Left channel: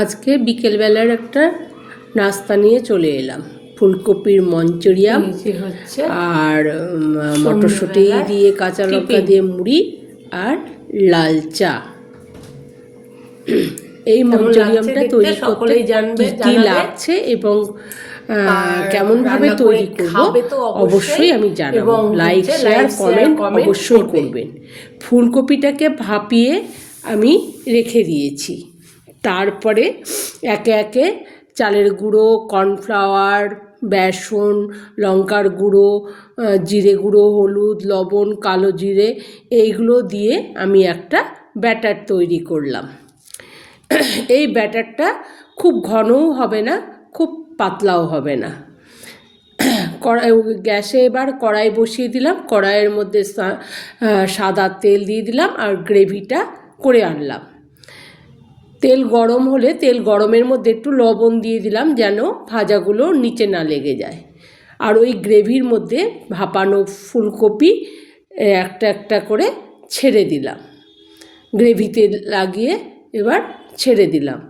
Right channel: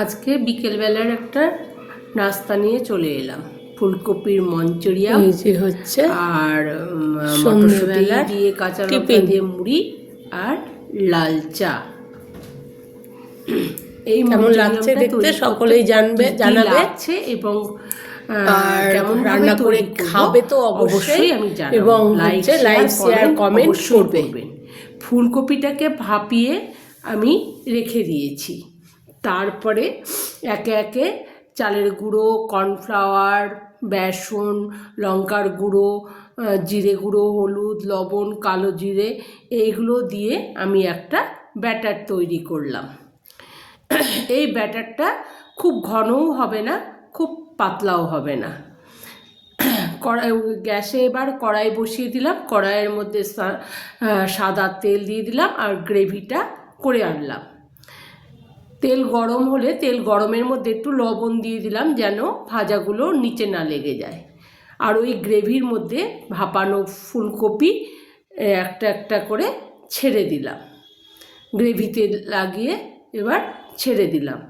আজকে বিকেলবেলার একটা নাস্তা নিয়ে চলে এলাম। ফুলকপির মঞ্চুরিয়াম এই হচ্ছে আর মটরশুঁটি দিয়ে কাঁচা লঙ্কা দিয়ে মুড়ি আর লাল চা। এই মঞ্চুরিয়ামটা তৈরি করতে সকলেই জানবে, কি লাগছে এবং কেমন ভাবে তৈরি করব অবশ্যই। আমি জানাব। লাইক শেয়ার কমেন্ট অবশ্যই করবেন। ফুলকপিটাকে ভাপিয়ে আমি রেখে দিয়েছি। তারপরে একে একে চালের গুঁড়ো, কর্নফ্লাওয়ার, বেসন, লঙ্কার গুঁড়ো জিরে গুঁড়ো, হলুদ, লবণ, কালো জিরে এইগুলো দিয়ে আমি একটা ব্যাটার তৈরি করলাম। এই ব্যাটারটা খুব ঘনও হবে না, খুব পাতলাও হবে না। কড়াই, গ্যাসে এবার কড়াই বসিয়ে দিলাম, কড়াইয়ের মধ্যে সাদা তেল দিয়ে দিলাম আর গ্রেভিটা করে আনলাম। তেল গরম হলে তেল গরমের মধ্যে একটু লবণ দিয়ে দিলাম যেন ভাজাগুলো নিচে না লেগে যায়। আর ওই গ্রেভির মধ্যে ভাপানো ফুলকপি একটা একটা করে ছেড়ে দিলাম। গ্রেভিতে লাগিয়ে এবার ছেড়ে দিলাম।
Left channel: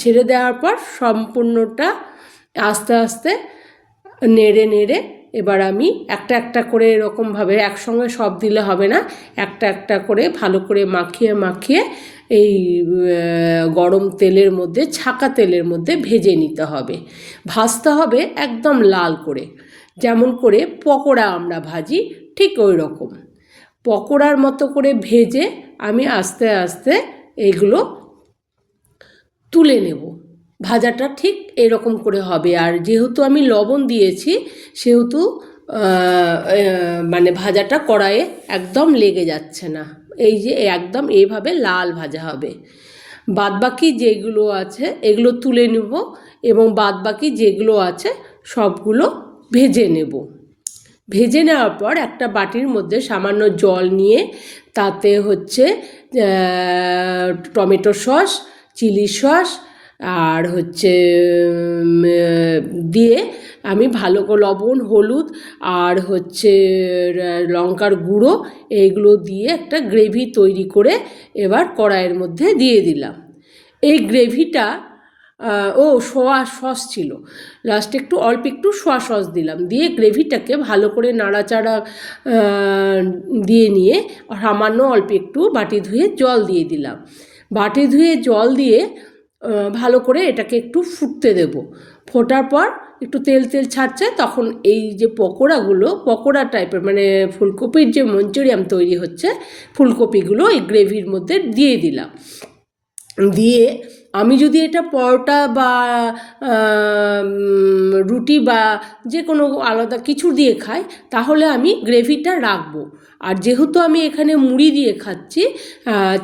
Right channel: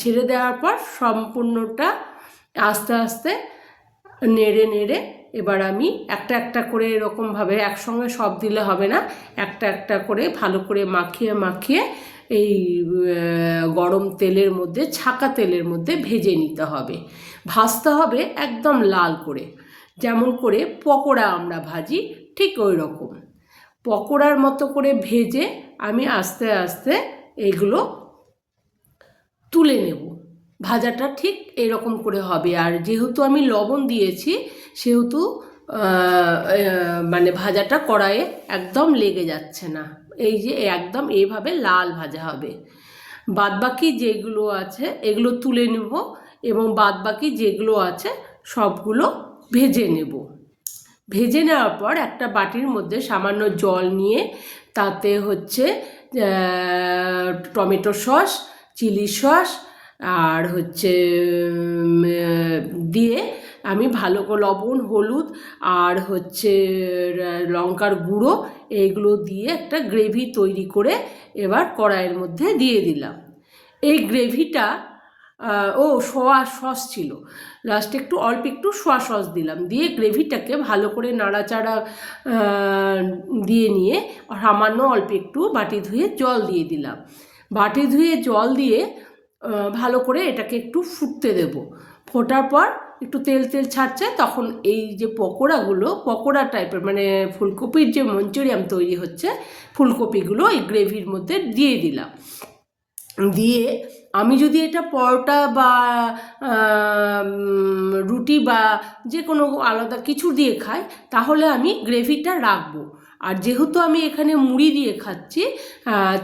ছেড়ে দেওয়ার পর সম্পূর্ণটা আস্তে আস্তে নেড়ে নেড়ে এবার আমি একটা একটা করে এরকমভাবে একসঙ্গে সব দিলে হবে না, একটা একটা করে ভালো করে মাখিয়ে মাখিয়ে এই গরম তেলের মধ্যে, ছাকা তেলের মধ্যে ভেজে নিতে হবে। ভাজতে হবে একদম লাল করে। যেমন করে পকোড়া আমরা ভাজি, ঠিক ওই রকম। পকোড়ার মতো করে ভেজে আমি আস্তে আস্তে এইগুলো তুলে নেব। ভাজাটা ঠিক এরকম করে হবে। আর যেহেতু আমি লবণ দিয়েছি, সেহেতু মানে ভাজাটা কড়াইয়ে একদম লেগে যাচ্ছে না। এই যে একদম এইভাবে লাল ভাজা হবে। বাদবাকি যেগুলো আছে, এগুলো তুলে নেব এবং বাদবাকি যেগুলো আছে, সবগুলো ভেজে নেব। ভেজে নেওয়ার পর একটা বাটির মধ্যে সামান্য জল নিয়ে তাতে হচ্ছে টমেটো সস, চিলি সস, আর হচ্ছে দিয়ে আমি ভালো করে লবণ, হলুদ আর হচ্ছে লঙ্কার গুঁড়ো এইগুলো দিয়ে একটা গ্রেভি তৈরি করে এবার কড়াইয়ের মধ্যে দিয়ে দিলাম। এই গ্রেভিটা ও সোয়া সস ছিল। লাস্টে একটু, অল্প একটু সোয়া সস দিলাম। দিয়ে গ্রেভিটাকে ভালো করে নাড়াচাড়া দিয়ে নিয়ে সামান্য অল্প একটু বাটি ধুয়ে জল দিয়ে দিলাম। বাটি ধুয়ে জল দিয়ে ভালো করে এটাকে একটু ফুটতে দেব। ফোটার পর একটু তেল তেল ছাড়ছে, তখন এই যে পকোড়াগুলো, পকোড়া টাইপের মানে ফুলকপির যে মঞ্চুরিয়াম তৈরি হচ্ছে, ফুলকপিগুলো এই গ্রেভির মধ্যে দিয়ে দিলাম। দিয়ে আমি যদি এটা পরোটা বা রুটি বা যে কোনো আলাদা কিছু দিয়ে খাই, তাহলে আমি গ্রেভিটা রাখব। আর যেহেতু আমি এখানে মুড়ি দিয়ে খাচ্ছি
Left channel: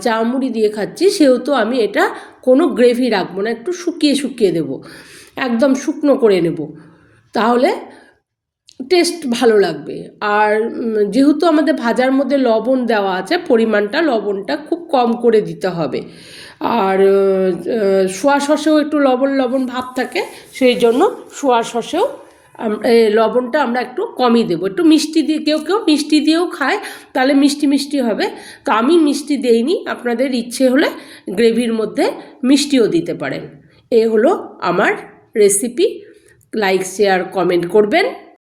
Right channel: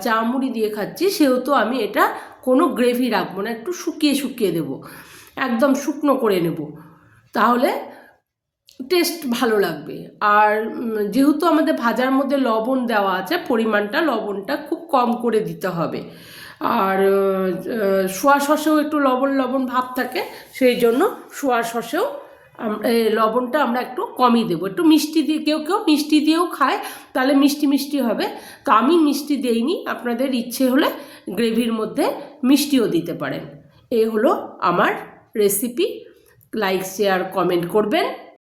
চা মুড়ি দিয়ে খাচ্ছি, সেহেতু আমি এটা কোনো গ্রেভি রাখব না, একটু শুকিয়ে শুকিয়ে দেব, একদম শুকনো করে নেব, তাহলে টেস্ট ভালো লাগবে। আর যেহেতু আমাদের ভাজার মধ্যে লবণ দেওয়া আছে, পরিমাণটা লবণটা খুব কম করে দিতে হবে। আর শোয়া সসেও একটু লবণ লবণ ভাব থাকে, সেই জন্য সোয়া সসেও লবণটা আমরা একটু কমই দেবো। একটু মিষ্টি দিয়ে কেউ কেউ মিষ্টি দিয়েও খায়, তাহলে মিষ্টি মিষ্টি হবে। তো আমি মিষ্টি দেইনি, আপনাদের ইচ্ছে হলে গ্রেভির মধ্যে মিষ্টিও দিতে পারেন। এ হলো আমার রেসিপি লাইক শেয়ার কমেন্ট করবেন।